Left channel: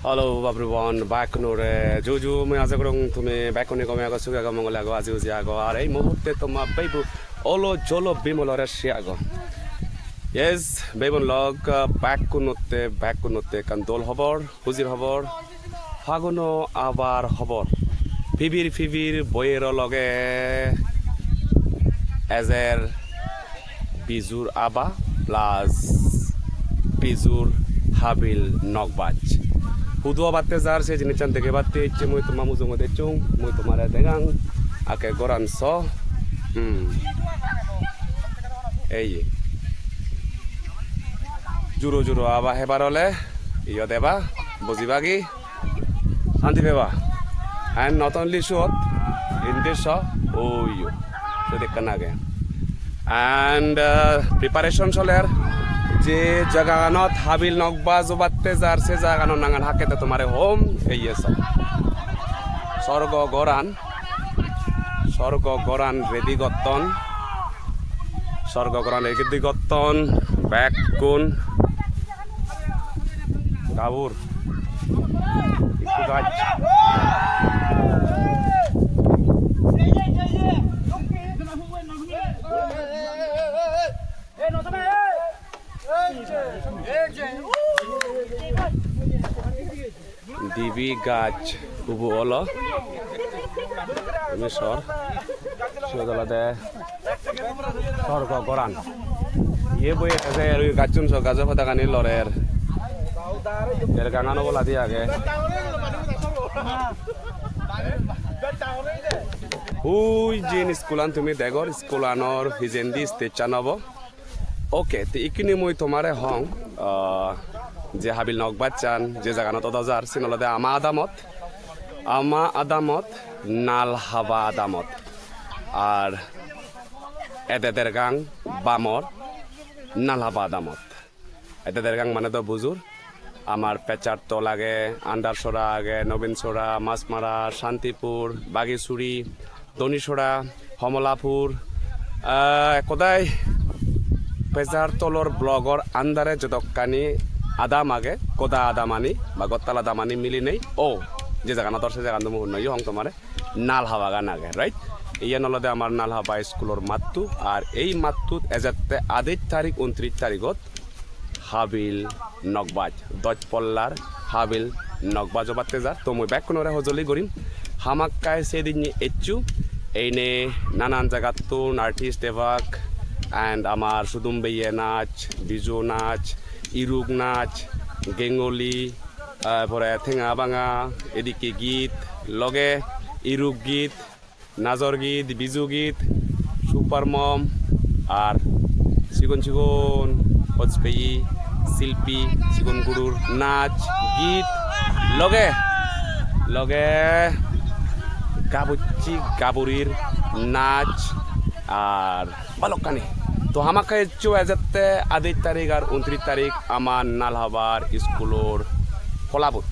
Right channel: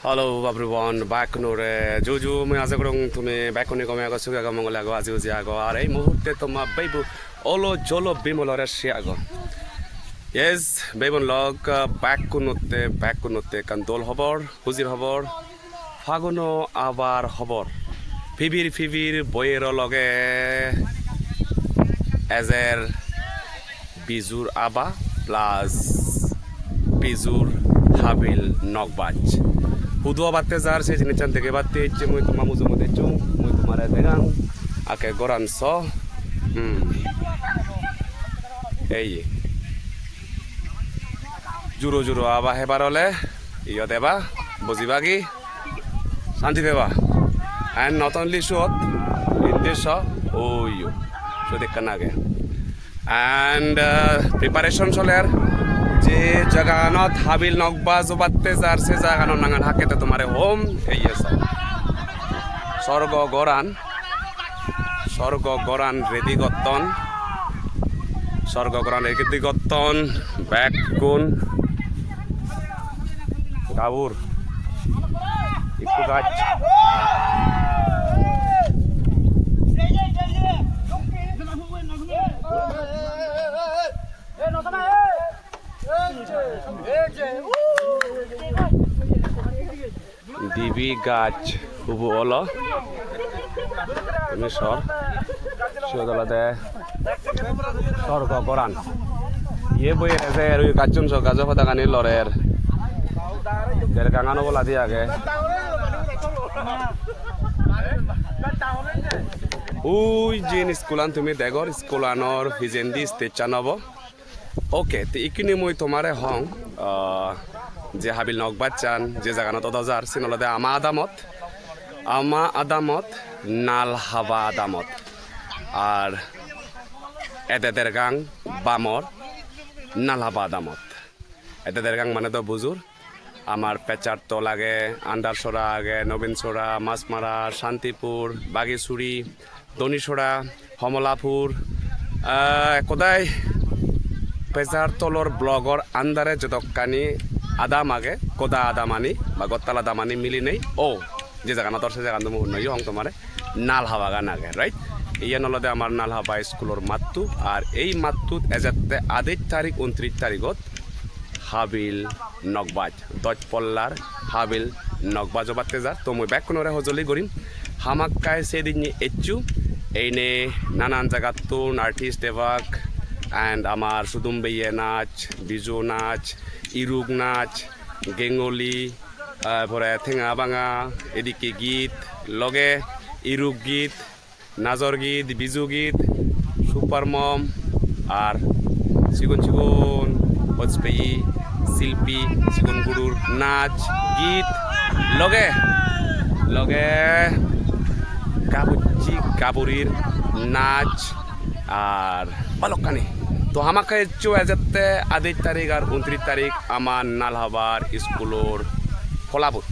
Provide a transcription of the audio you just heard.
Hello everyone, back nore juju me aza kurang tume back ni kami agak suka kamu ngelago azi uzi ago are muhurte toma babu olo jolo bimolore shi ago yes baby log back kunote kan dol hobor huzir hobor faguno abar hobor fibir boyero loge ezer bizur aba plus bizur habil nokbaj Hudu batte zar se jini chan dege batte ichi moi toma muzo mode chung moi tomare degang ake goran so ei juro aba hebarole iyo deba bozibagi shanti beba and not only shot in this shot you so dekkanage and preparation soler যে জাগানত হাবিল নকবা জবাতে যার সে জাগানো নাঙ্গান হাকেতে তোমারে home এই এসব স্বর্গ গরান ready গত্তন back কোন গাবুর ইকু গাছ ডিবি গাছ উবু অলো আমি সদলাদে স্বর্গ গরান ইয়ে বই এসে ওই গাছন সব গাছ পাতা কানি লরের এর গাঙানো বলা দিয়ে আগে ওই যে স্কুলান তুমি দেখর স্কুলানর ভিজেন্দি স্টেজ চানব ওকে তো ইকিনি মই তোমারে হং যে হাবিল নকবাদ চান যে জাগানত অদাজার সিনলদে আমা আদামত নাল হাবা আদামত আর এদেদের গাং বামর নাল হাবা আদামত এদেদের গাং মানে তো বুজুর আমার পেচার তো লাগে আন্ডারসরা আগে নবীনসরা মাছমারা শান্তিপুর বাগিছুরি দনিসরা হমলাপুর কোদায় পেজার তলর ব্লগর আন্দারে যতকানি আদাম আগে কোদা আদামানি বা গত্তাল আদামানি মিলি নেই ও যে জায়গা দর্শে জায়গা তুমি নই হং তোমার নাল হাওয়া গান আগে রাইট ইয়ে নলদে আমার নাল হাবা স্কুলের মাত্তু আর এই মাত্তুত এজাতে 28 তারিখ 29 তারিখত হাবিল নকবাজ দজ পল্লার হাবিল নকবাজ বাতে যা তো মই ব্যাক কোনরে হজলি করিম হামাক্কায় সেদিন এচু এইনে নানান জায়গা তুন আর্টিস্ট এবাক অ্যান্ড আমার সুদুম্বেইয়ে নাচ বিজু নাচ ইরুক নাচ গেঙ্গলি পরে ঠেঙা বাঙা এদিকে গীত লগে ইরুক গীত নাজর গীত বিজু গীত সুপার মম আর চিকন হজপেয়ী শিল্পী চিকন গুরুর নাচ গীত লগে গাবুচি গাবুরির নাচ আর বালকানি তো আমাকে এজাতে 28 তারিখ আর 29 তারিখ আমার নালহাবার স্কুলের ফলাবত